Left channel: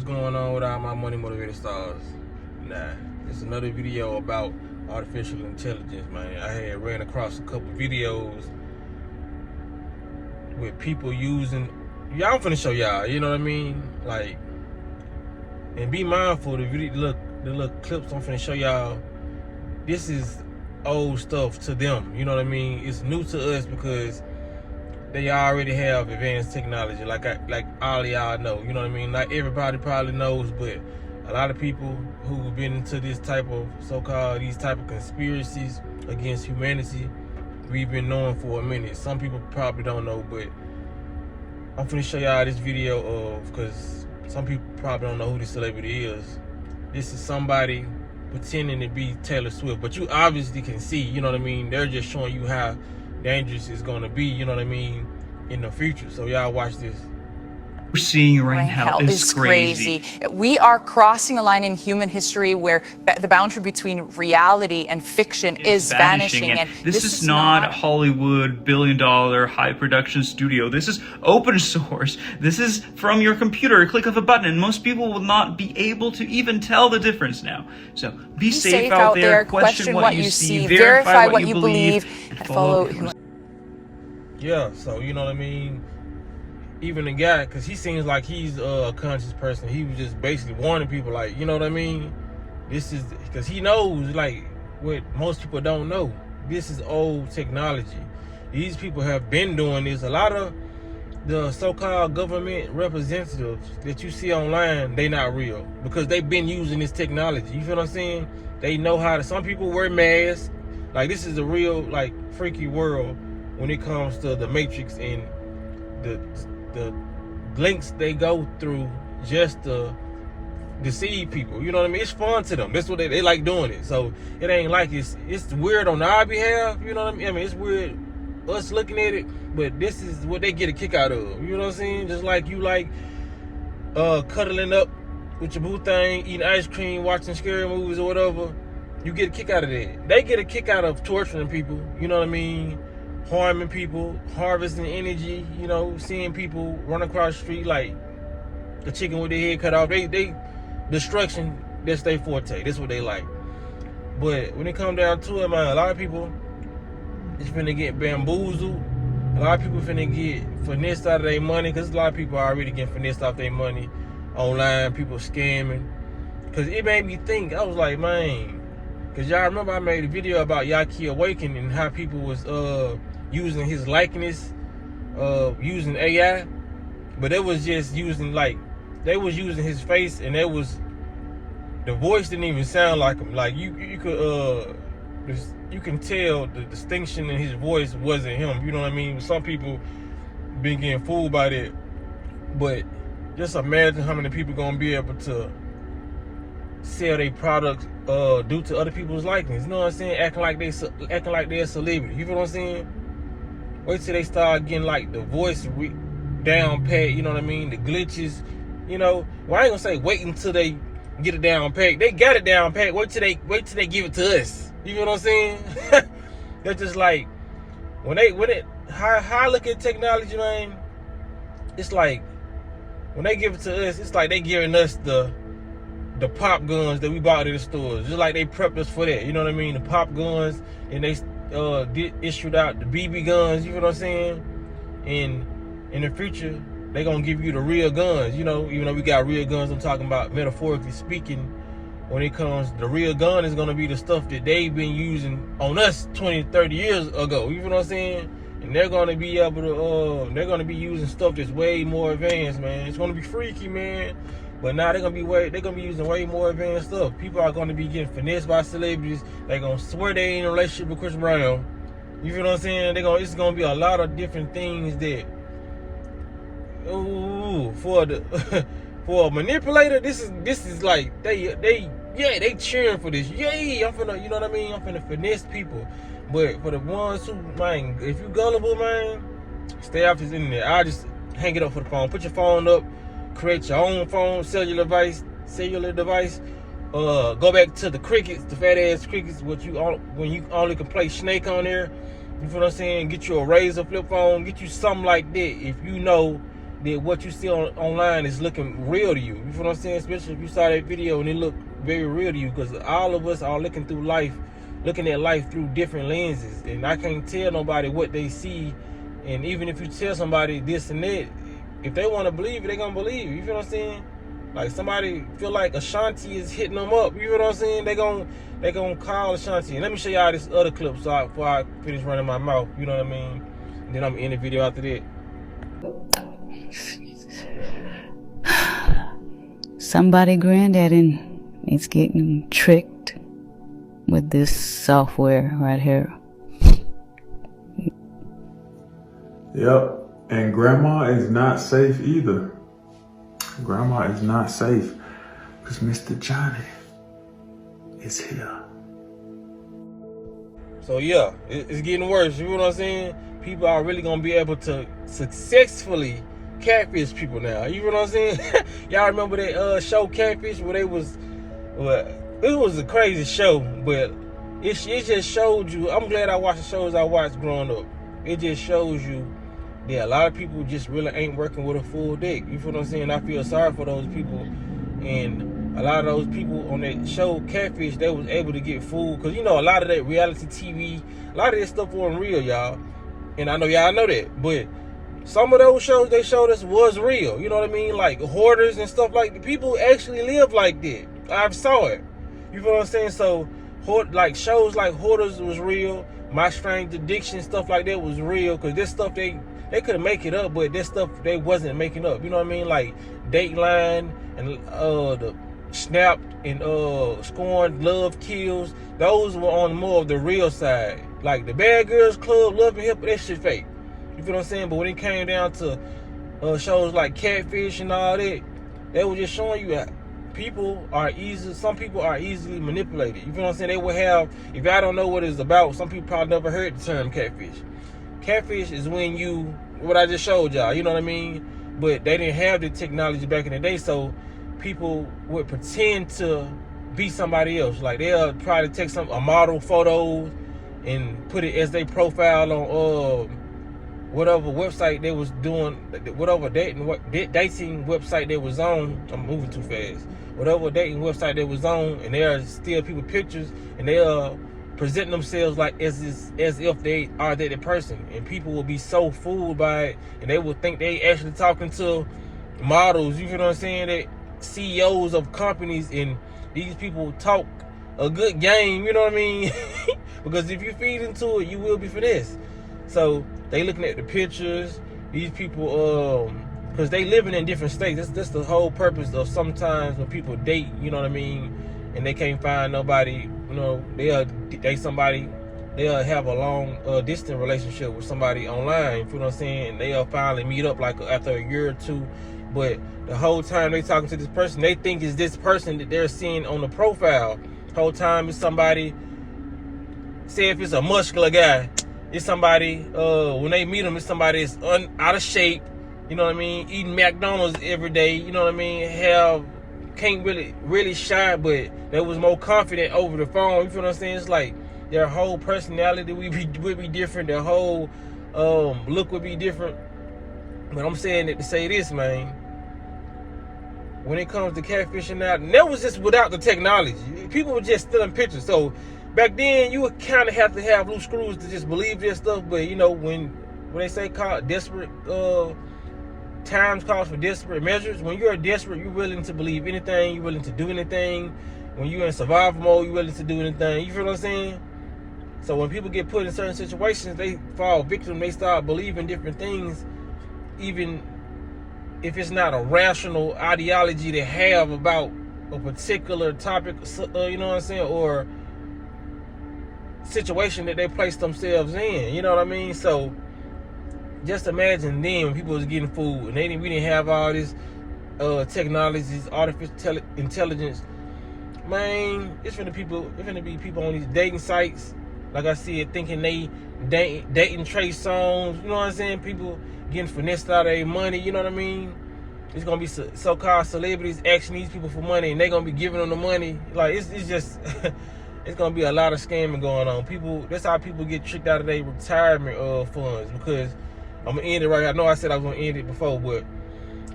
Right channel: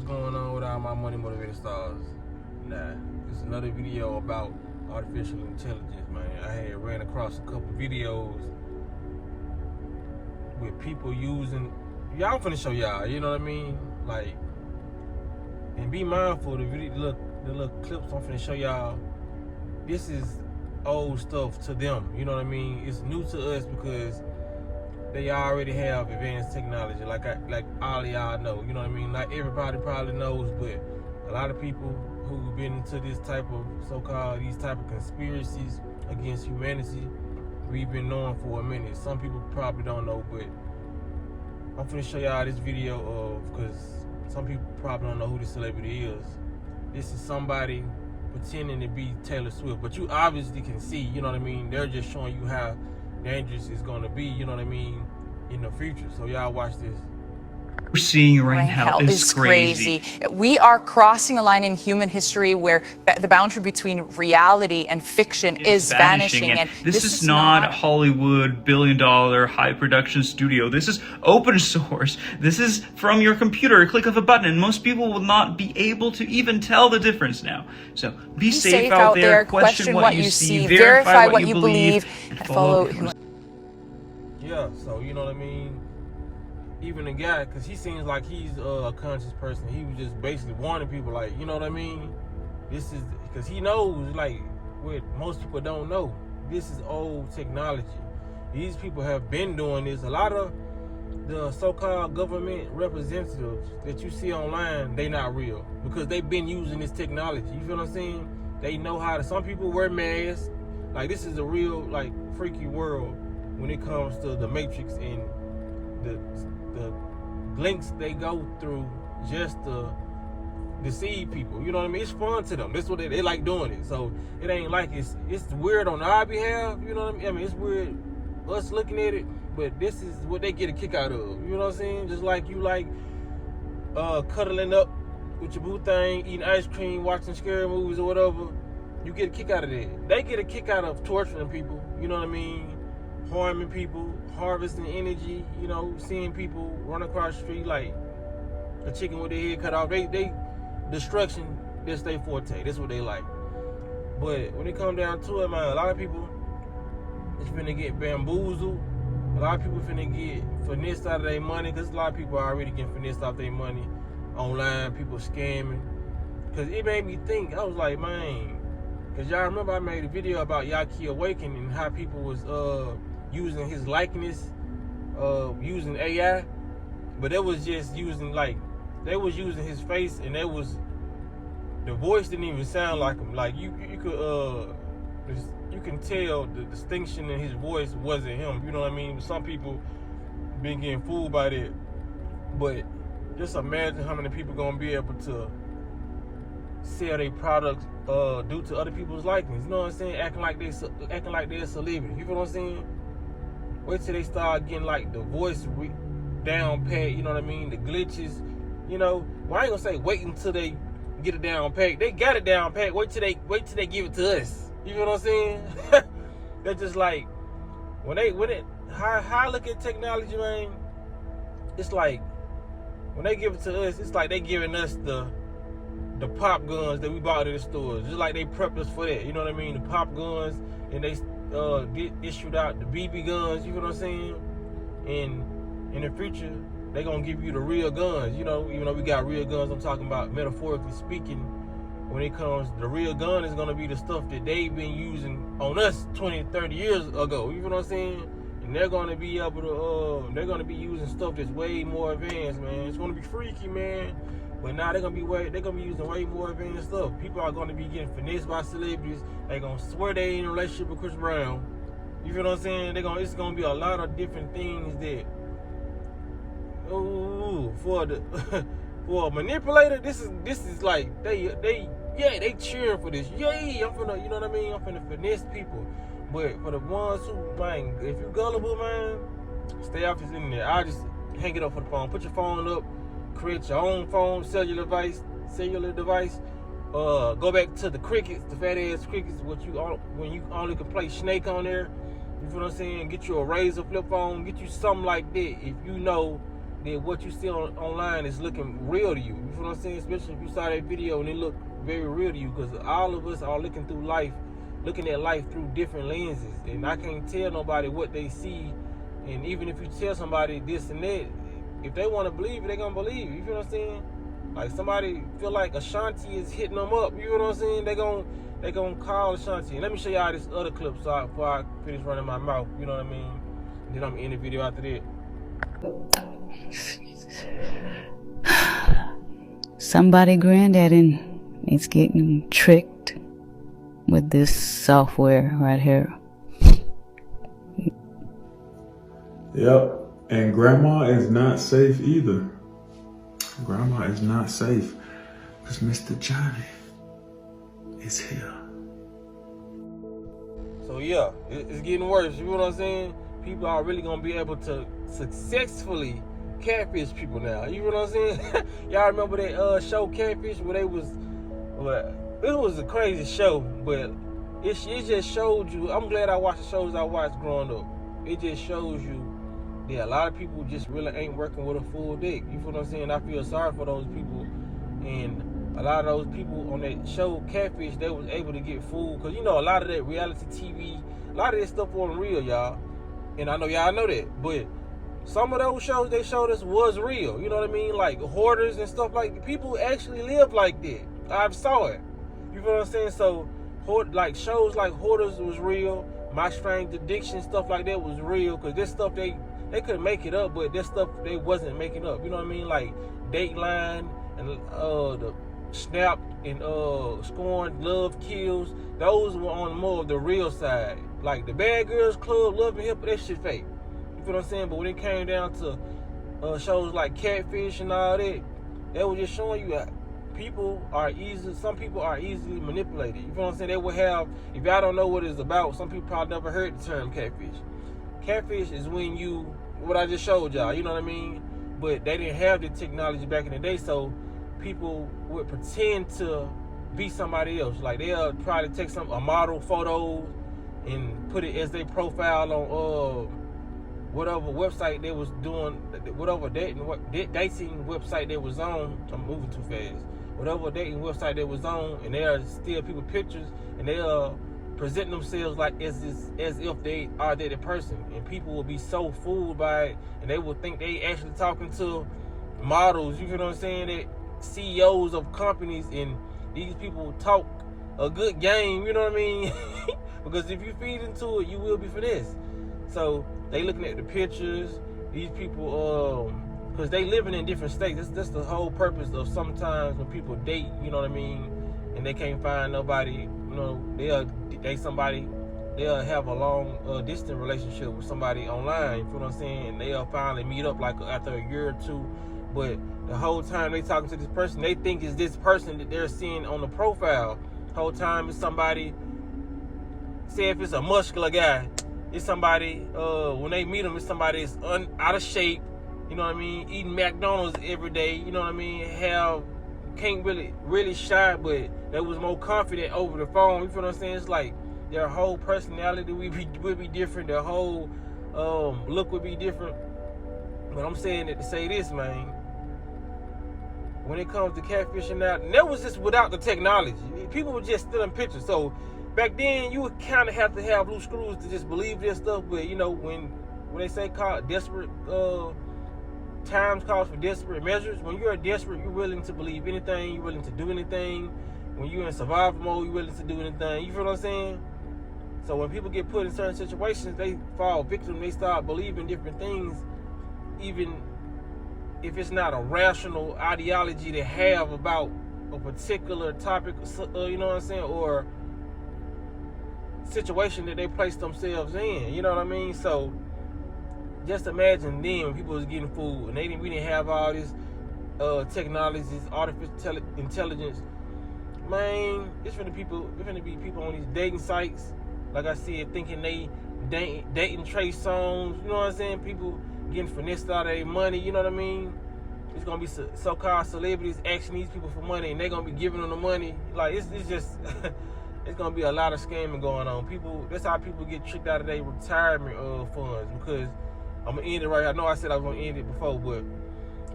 what's going on with all my money motivated stars? Nah, it's another video about artificial intelligence, man. I had ran across a couple videos with people using, I'm finna show y'all, you know what I mean? Like, and be mindful, the little clips I'm finna show y'all, this is old stuff to them, you know what I mean? It's new to us because they already have advanced technology, like all of y'all know, you know what I mean? Not everybody probably knows, but a lot of people who've been into this type of these type of conspiracies against humanity, we've been knowing for a minute. Some people probably don't know, but I'm finna show y'all this video of, because some people probably don't know who this celebrity is. This is somebody pretending to be Taylor Swift, but you obviously can see, you know what I mean? They're just showing you how dangerous it's gonna be, you know what I mean, in the future. So y'all watch this. We're seeing right now is crazy. We are crossing a line in human history where the boundary between reality and fiction is vanishing. And this is not Hollywood billion-dollar high production studio. This is open source. This is from your computer, a click of a button, and most people will not be able to even tell the difference now. So be safe out there, question what you see, verify what you believe, and follow. Yeah, so you know what I mean? Even the guy, because he seems like he's a conscious person, he was just basically warning people, like, you know what I mean? This is, because he knows, like, what most people don't know. This is old technology. These people have been doing this. A lot of the so-called government representatives that you see online, they not real, because they've been using this technology. You feel what I'm saying? They know how to, some people wear masks. Like, this is a real, like, freaky world when it comes to the Matrix and the links they go through just to deceive people. You know what I mean? It's fun to them. That's what they like doing it. So it ain't like it's weird on our behalf. You know what I mean? I mean, it's weird us looking at it, but this is what they get a kick out of. You know what I'm saying? Just like you like cuddling up with your boo thing, eating ice cream, watching scary movies or whatever. You get a kick out of that. They get a kick out of torturing people. You know what I mean? Harming people, harvesting energy, you know, seeing people run across the street like a chicken with their head cut off. They destruction, that's their forte. That's what they like. But when it comes down to it, man, a lot of people is finna get bamboozled. A lot of people finna get finessed out of their money, because a lot of people are already getting finessed off their money online, people scamming. Because it made me think, I was like, man, because y'all remember I made a video about Yaki Awakening and how people was using his likeness, using AI, but it was just using, like, they was using his face, and it was, the voice didn't even sound like him. Like, you can tell the distinction in his voice wasn't him. You know what I mean? Some people been getting fooled by that, but just imagine how many people gonna be able to sell their products due to other people's likeness. You know what I'm saying? Acting like they're a celebrity. You feel what I'm saying? Wait till they start getting, like, the voice down pat. You know what I mean? The glitches. You know. Well, I ain't gonna say wait until they get it down pat. They got it down pat. Wait till they give it to us. You feel what I'm saying? They're just like how I look at technology, man. It's like when they give it to us, it's like they giving us the pop guns that we bought at the stores, just like they prepped us for that. You know what I mean? The pop guns, and they issued out the BB guns. You know what I'm saying? And in the future, they gonna give you the real guns. You know, even though we got real guns, I'm talking about metaphorically speaking. When it comes, the real gun is gonna be the stuff that they've been using on us 20, 30 years ago. You know what I'm saying? And they're gonna be able to, they're gonna be using stuff that's way more advanced, man. It's gonna be freaky, man. But now they're gonna be using way more advanced stuff. People are gonna be getting finessed by celebrities. They're gonna swear they ain't in a relationship with Chris Brown. You feel what I'm saying? It's gonna be a lot of different things that, for a manipulator, this is like they cheering for this. Yay, I'm finna, you know what I mean? I'm finna finesse people. But for the ones who, man, if you gullible, man, stay off this internet. I'll just hang it up for the phone. Put your phone up. Create your own phone, cellular device. Go back to the crickets, the fat ass crickets, when you only can play Snake on there. You feel what I'm saying? Get you a Razor flip phone, get you something like that. If you know that what you see online is looking real to you. You feel what I'm saying? Especially if you saw that video and it looked very real to you, because all of us are looking at life through different lenses, and I can't tell nobody what they see. And even if you tell somebody this and that, if they want to believe it, they gonna believe it. You feel what I'm saying? Like somebody feel like Ashanti is hitting them up. You feel what I'm saying? They gonna call Ashanti. And let me show y'all this other clip before I finish running my mouth. You know what I mean? And then I'm gonna end the video after that. Somebody granddaddy is getting tricked with this software right here. Yep, and grandma is not safe either. Grandma is not safe because Mr. Johnny is here. So yeah, it's getting worse. You know what I'm saying? People are really gonna be able to successfully catfish people now. You know what I'm saying? Y'all remember that show Catfish, where it was a crazy show, but it just showed you. I'm glad I watched the shows I watched growing up. It just shows you that a lot of people just really ain't working with a full deck. You feel what I'm saying? I feel sorry for those people, and a lot of those people on that show Catfish, they was able to get fooled, because you know a lot of that reality TV, a lot of that stuff wasn't real, y'all. And I know y'all know that, but some of those shows they showed us was real. You know what I mean? Like hoarders and stuff like that. People actually live like that. I saw it. You feel what I'm saying? So, like shows like Hoarders was real. My Strange Addiction, stuff like that was real, because this stuff they couldn't make it up, but this stuff they wasn't making up. You know what I mean? Like Dateline and the Snapped and Scorned, Love Kills. Those were on more of the real side. Like the Bad Girls Club, Love and Hip Hop, that shit fake. You feel what I'm saying? But when it came down to shows like Catfish and all that, they were just showing you that some people are easily manipulated. You feel what I'm saying? They will have, if y'all don't know what it's about, some people probably never heard the term catfish. Catfish is when what I just showed y'all, you know what I mean? But they didn't have the technology back in the day, so people would pretend to be somebody else. Like they'll try to take a model photos and put it as their profile on whatever website they was doing, whatever dating website they was on. I'm moving too fast. Whatever dating website they was on, and they'll steal people pictures, and they'll present themselves like as if they are that person, and people will be so fooled by it, and they will think they actually talking to models. You know what I'm saying? That CEOs of companies, and these people talk a good game. You know what I mean? Because if you feed into it, you will be finessed. So they looking at the pictures. These people, because they living in different states. That's the whole purpose of sometimes when people date, you know what I mean, and they can't find nobody, you know, they'll have a long distant relationship with somebody online, you feel what I'm saying, and they'll finally meet up like after a year or two, but the whole time they talking to this person, they think it's this person that they're seeing on the profile. The whole time it's somebody, say if it's a muscular guy, it's somebody, when they meet him, it's somebody that's out of shape, you know what I mean, eating McDonald's every day, you know what I mean, can't really shine, but they was more confident over the phone. You feel what I'm saying? It's like their whole personality would be different. Their whole look would be different. But I'm saying that to say this, man. When it comes to catfishing out, and that was just without the technology. People were just stealing pictures. So back then, you would kind of have to have loose screws to just believe this stuff. But you know, when they say called desperate times calls for desperate measures. When you're desperate, you're willing to believe anything. You're willing to do anything. When you're in survival mode, you're willing to do anything. You feel what I'm saying? So when people get put in certain situations, they fall victim. They start believing different things, even if it's not a rational ideology they have about a particular topic, you know what I'm saying, or situation that they place themselves in. You know what I mean? So just imagine then when people was getting food, and we didn't have all this technology, this artificial intelligence. Man, it's finna be people on these dating sites, like I said, thinking they dating Trey Songz. You know what I'm saying? People getting finessed out of their money. You know what I mean? It's gonna be so-called celebrities asking these people for money, and they gonna be giving them the money. Like it's just it's gonna be a lot of scamming going on. That's how people get tricked out of their retirement funds. Because I'm gonna end it right here. I know I said I was gonna end it before, but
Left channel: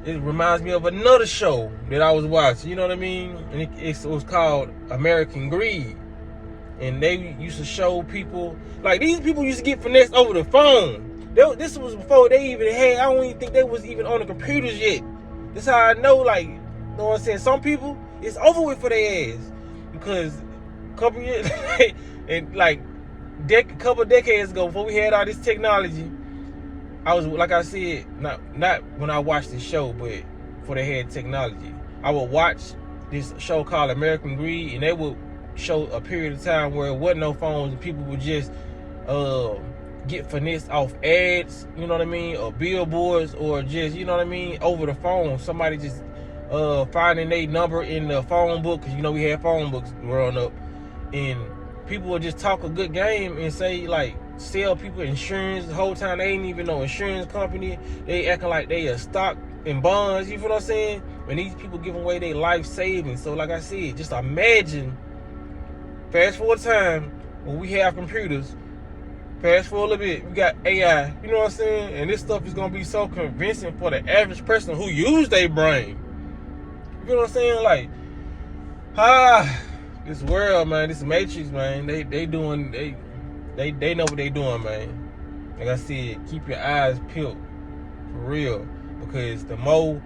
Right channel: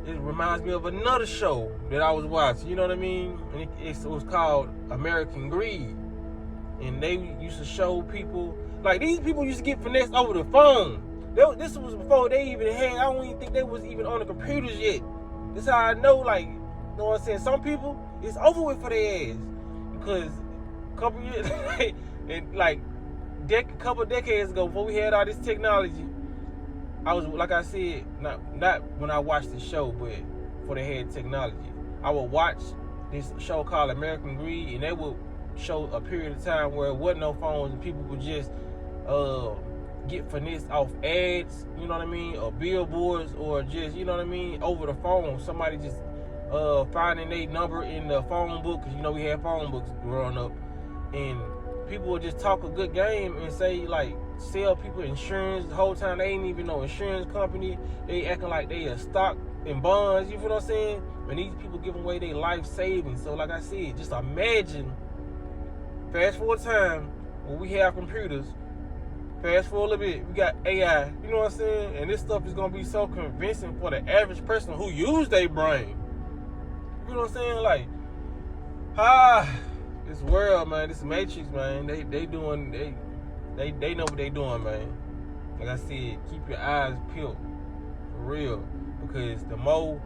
it reminds me of another show that I was watching, you know what I mean? And it was called American Greed. And they used to show people, like these people used to get finessed over the phone. This was before they even had, I don't even think they was even on the computers yet. That's how I know, like, you know what I'm saying? Some people, it's over with for their ass. Because a couple years, and like a couple of decades ago, before we had all this technology, I was, like I said, not when I watched the show, but before they had technology, I would watch this show called American Greed, and they would show a period of time where it wasn't no phones, and people would just get finessed off ads, you know what I mean, or billboards, or just, you know what I mean, over the phone. Somebody just finding their number in the phone book, because you know we had phone books growing up, and people would just talk a good game and say, like, sell people insurance the whole time. They ain't even no insurance company. They acting like they a stock in bonds, you feel what I'm saying? And these people giving away their life savings. So like I said, just imagine, fast forward time, when we have computers, fast forward a little bit, we got AI, you know what I'm saying? And this stuff is gonna be so convincing for the average person who use their brain. You know what I'm saying? Like, this world, man, this matrix, man, they know what they doing, man. Like I said, keep your eyes peeled, for real. Because the more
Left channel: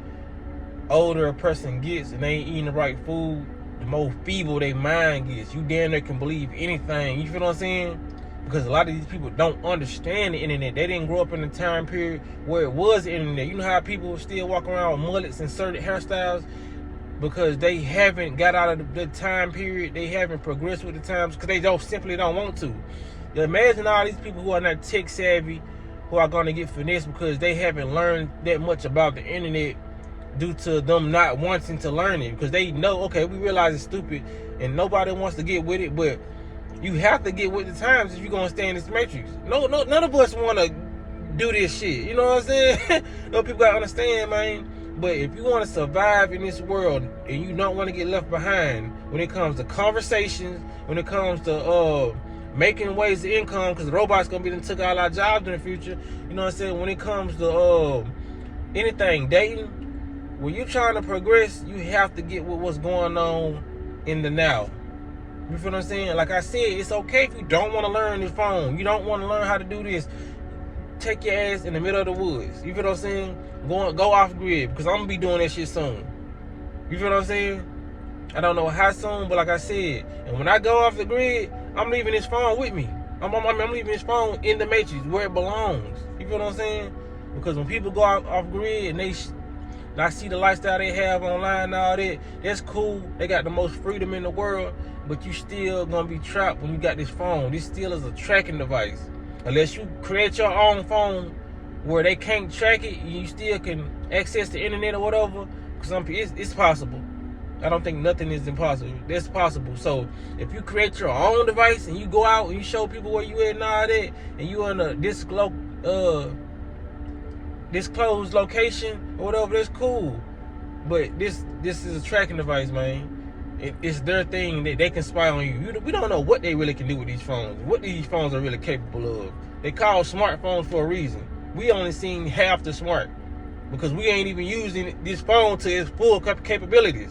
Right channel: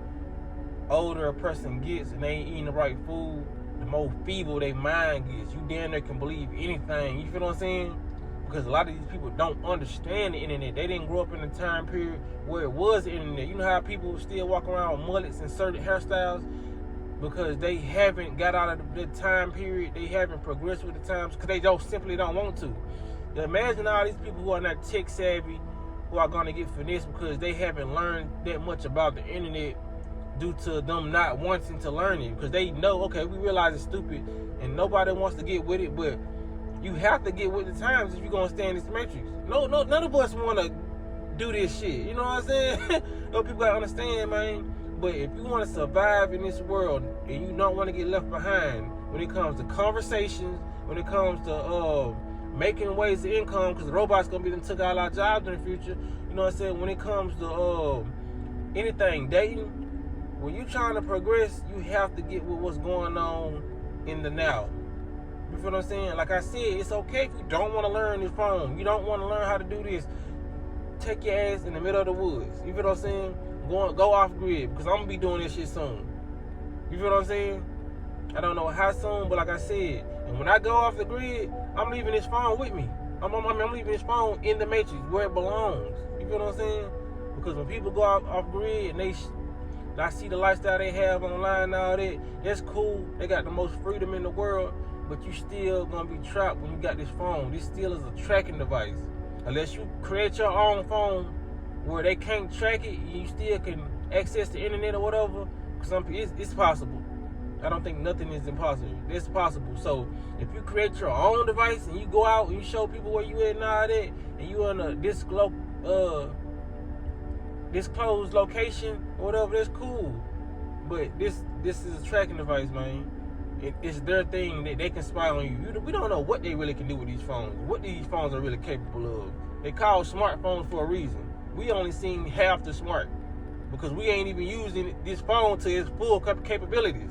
older a person gets and they ain't eating the right food, the more feeble their mind gets. You damn near can believe anything, you feel what I'm saying? Because a lot of these people don't understand the internet. They didn't grow up in a time period where it was the internet. You know how people still walk around with mullets and certain hairstyles? Because they haven't got out of the time period. They haven't progressed with the times because they simply don't want to. Imagine all these people who are not tech savvy, who are going to get finessed because they haven't learned that much about the internet due to them not wanting to learn it. Because they know, okay, we realize it's stupid and nobody wants to get with it, but you have to get with the times if you're going to stay in this matrix. No, none of us want to do this shit. You know what I'm saying? No, people got to understand, man. But if you want to survive in this world and you don't want to get left behind when it comes to conversations, when it comes to making ways of income, because the robots gonna be done took all our jobs in the future. You know what I'm saying? When it comes to anything, dating, when you're trying to progress, you have to get with what's going on in the now. You feel what I'm saying? Like I said, it's okay if you don't want to learn this phone. You don't want to learn how to do this. Take your ass in the middle of the woods. You feel what I'm saying? Go off grid, because I'm gonna be doing that shit soon. You feel what I'm saying? I don't know how soon, but like I said, and when I go off the grid, I'm leaving this phone with me. I'm leaving this phone in the matrix where it belongs. You feel what I'm saying? Because when people go off grid and I see the lifestyle they have online and all that, that's cool. They got the most freedom in the world, but you still gonna be trapped when you got this phone. This still is a tracking device. Unless you create your own phone where they can't track it, you still can access the internet or whatever. Because it's possible. I don't think nothing is impossible. That's possible. So if you create your own device and you go out and you show people where you at and all that, and you in a disclosed location or whatever, that's cool. But this is a tracking device, man. It's their thing that they can spy on you. We don't know what they really can do with these phones. What these phones are really capable of. They call smartphones for a reason. We only seen half the smart because we ain't even using this phone to its full capabilities.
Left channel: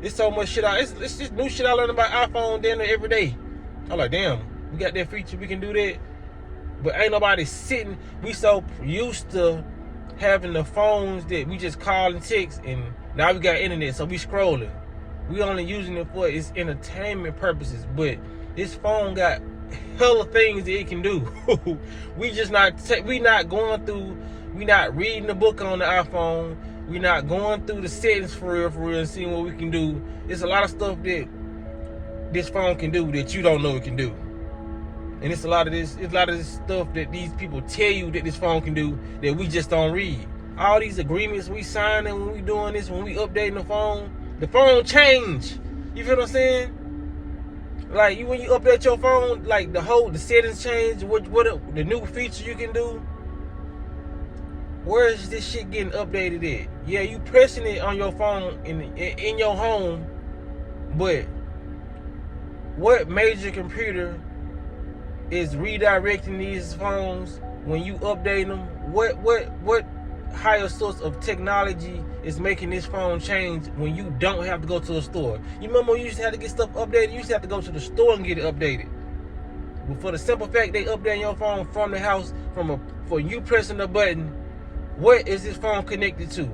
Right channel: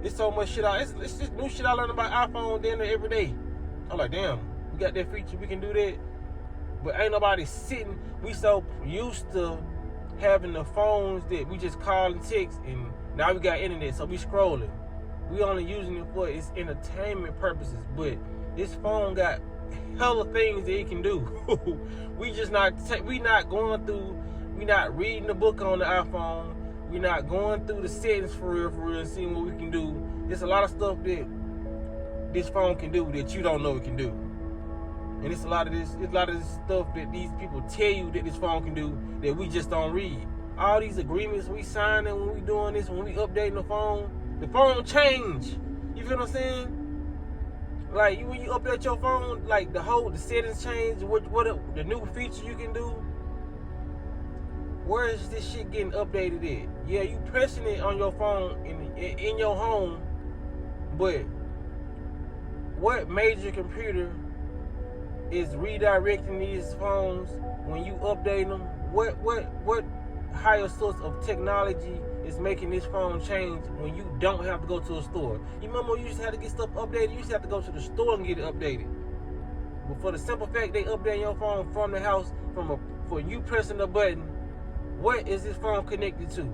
It's so much shit it's just new shit I learn about iPhone damn near every day. I'm like, damn, we got that feature, we can do that. But ain't nobody sitting. We so used to having the phones that we just call and text, and now we got internet, so we scrolling. We only using it for its entertainment purposes. But this phone got hella things that it can do. We not going through. We not reading the book on the iPhone. We not going through the settings for real, and seeing what we can do. There's a lot of stuff that this phone can do that you don't know it can do. And it's a lot of this stuff that these people tell you that this phone can do that we just don't read. All these agreements we signing when we doing this, when we updating the phone change. You feel what I'm saying? Like when you update your phone, like the settings change, what the new feature you can do. Where is this shit getting updated at? Yeah, you pressing it on your phone in your home, but what major computer is redirecting these phones when you update them? What higher source of technology is making this phone change when you don't have to go to a store. You remember when you used to have to get stuff updated? You used to have to go to the store and get it updated. But for the simple fact they update your phone from the house, for you pressing the button, what is this phone connected to?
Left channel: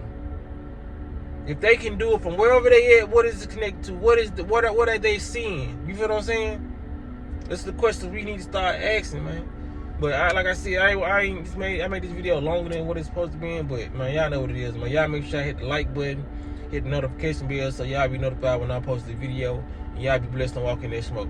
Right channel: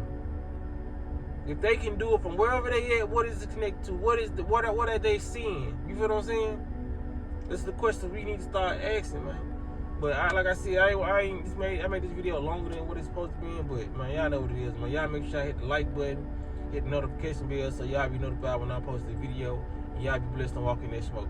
If they can do it from wherever they at, what is it connected to? What are they seeing? You feel what I'm saying? This is the question we need to start asking, man. But like I said, I made this video longer than what it's supposed to be in, but man, y'all know what it is, man. Y'all make sure y'all hit the like button, hit the notification bell so y'all be notified when I post the video. And y'all be blessed and walk in that smoke.